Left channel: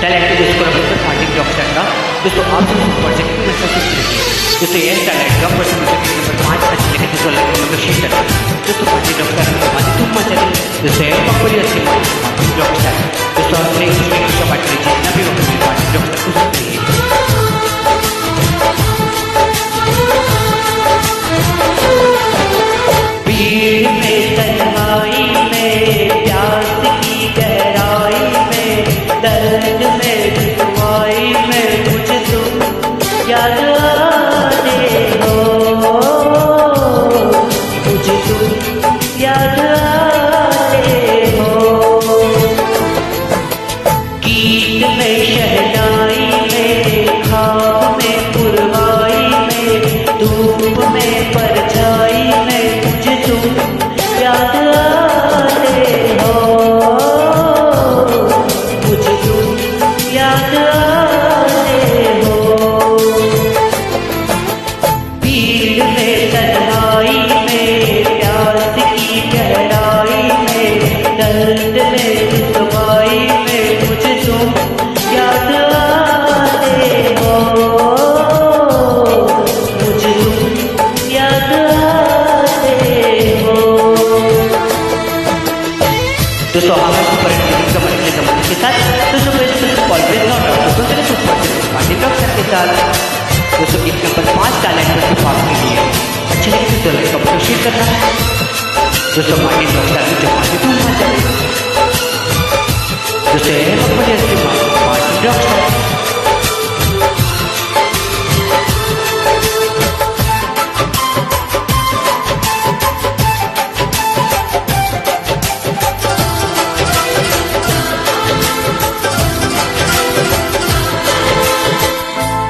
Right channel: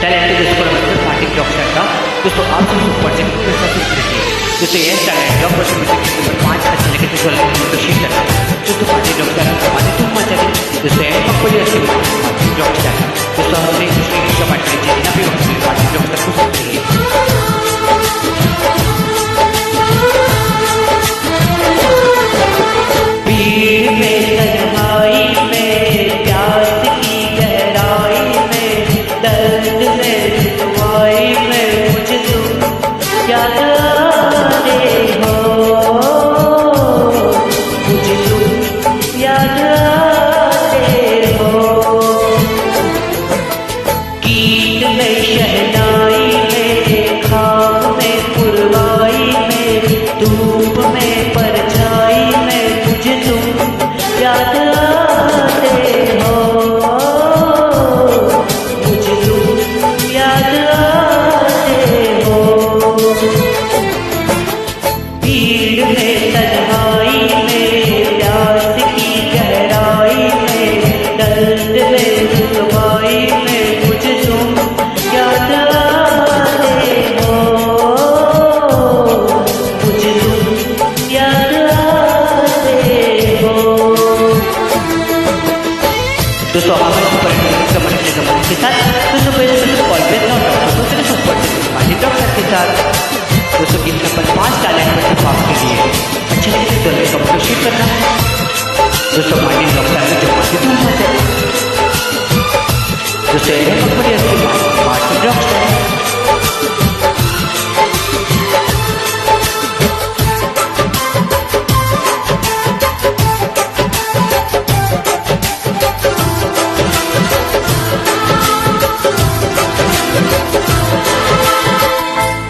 Talent दोस्तों को नमस्कार पार्टी डॉग स्टार का दोस्तों आप सब सुपर से हमेशा सुनते रहिए दोस्तों ये टैलेंट का पर्सन नंबर 5 अच्छे लगे तो मतलब शेयर करना दोस्तों पार्टी डॉग स्टार हमारी तुम मचा दी दोस्तों ये मकबूली अच्छी पार्टी डॉग स्टार दोस्तों हर एक दूसरे की शो बात करिए जितना भी वक्त में पार्टी डॉग स्टार को सुनते रहिए। भीड़ में तन्हाई में प्यास की गहराई में दर्द में रुसवाई में मुझे तुम याद आते हो मुझे तुम याद आते हो। गीत में शहनाई में खाब में पुरवाई में धूप में परछाई में मुझे तुम याद आते हो मुझे तुम याद आते हो। भीड़ में तन्हाई में प्यास की गहराई में दर्द में रुसवाई में मुझे तुम याद आते हो मुझे तुम याद आते हो। दोस्तों हमें सुपर जमाने के साथ दोस्तों ऑलवेज नॉट आउट दोस्तों चले सुपर पार्टी डॉग स्टार के साथ दोस्तों गीत नंबर 5 टैलेंट पर सिर्फ के लिए अच्छे लगे तो लाइक कमेंट शेयर करना दोस्तों पार्टी डॉग स्टार में जो माती तुम मचा दे दोस्तों ये मकबूली अच्छी पार्टी डॉग स्टार।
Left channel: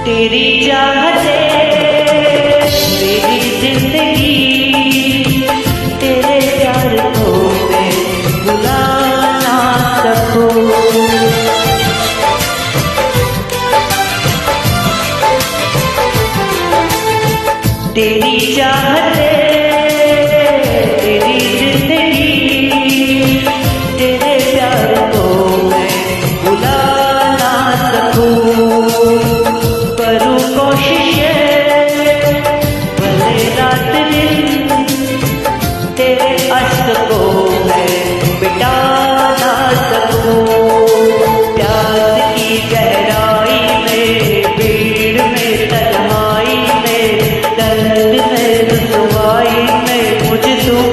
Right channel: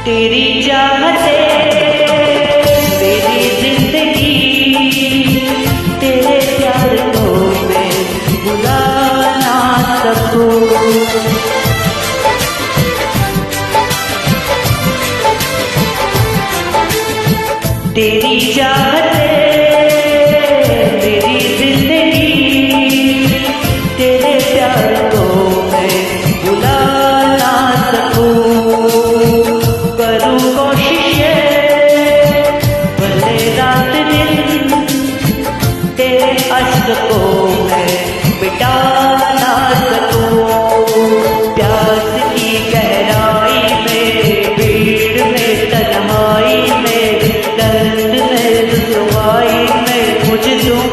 तेरी चाहते मेरी जिंदगी तेरे प्यार को मैं भुला ना सकूं। तेरी चाहते मेरी जिंदगी तेरे प्यार को मैं भुला ना सकूं। करूं कोशिशें भले रात दिन तेरे अश्क को मैं मिटा ना सकूं। प्यास की गहराई में भीड़ में तन्हाई में दर्द में रुसवाई में मुझे तुम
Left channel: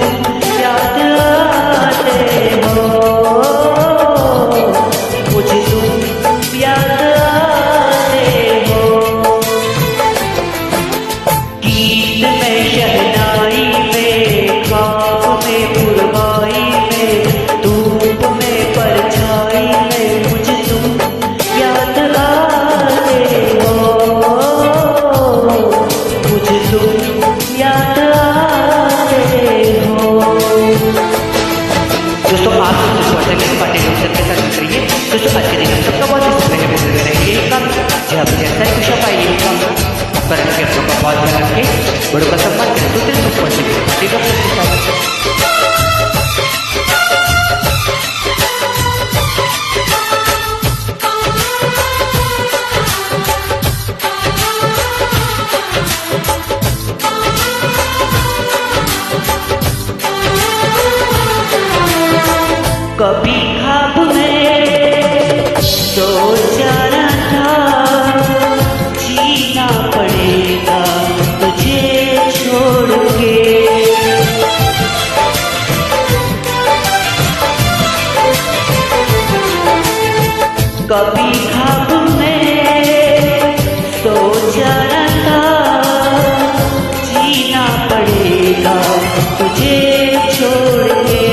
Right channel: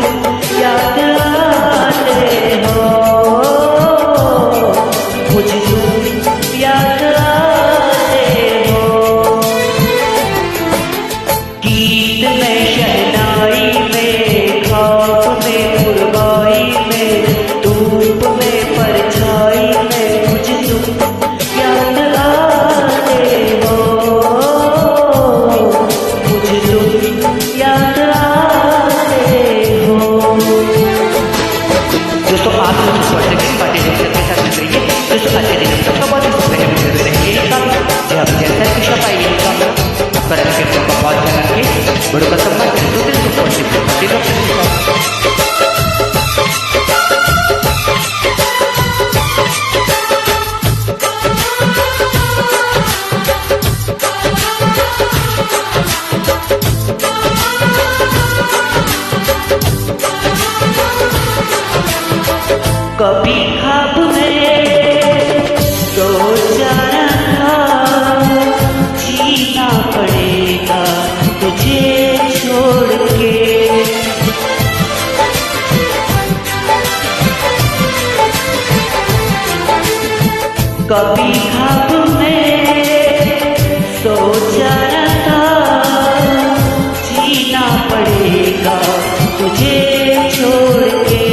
याद आते हो मुझे तुम याद आते हो। गीत में शहनाई में खाब में पुरवाई में धूप में परछाई में मुझे तुम याद आते हो मुझे तुम याद आते हो। दोस्तों आप सब super second party dog star के साथ मिल रही है दोस्तों आज के दिन हम सबका बहुत ही सुपर रहेंगे यही काम जी आप जैसा कुछ आप आइए यही काम पर के अपनों का बहुत ध्यान रखिए बड़ों का सम्मान करें तो तेरे super second party dog star के साथ। कभी ख्वाब में सोचा न था जीना पड़ेगा तुझे छोड़ के। कभी ख्वाब में सोचा न था जीना पड़ेगा तुझे छोड़ के।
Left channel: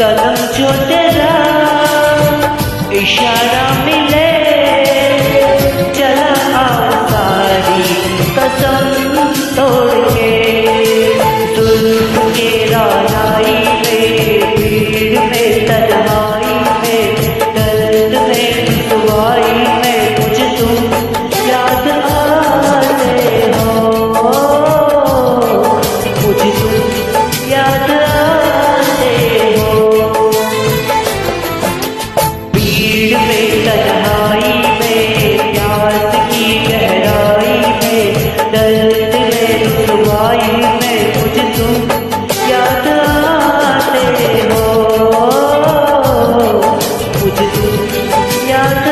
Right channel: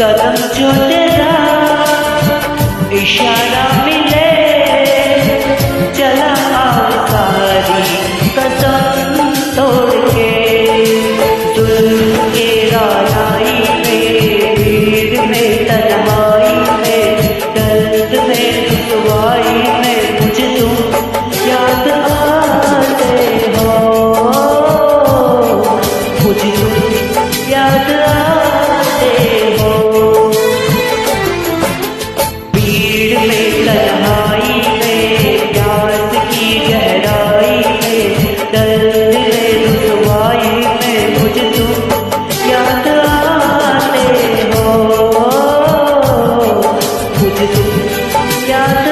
कदम जो तेरा इशारा मिले चला आओ सारी कसम तोड़ के। जुल्फ के रानाई में भीड़ में तन्हाई में दर्द में रुसवाई में मुझे तुम याद आते हो मुझे तुम याद आते हो। भीड़ में तन्हाई में, प्यास की गहराई में, दर्द में रुसवाई में मुझे तुम याद आते हो, मुझे तुम याद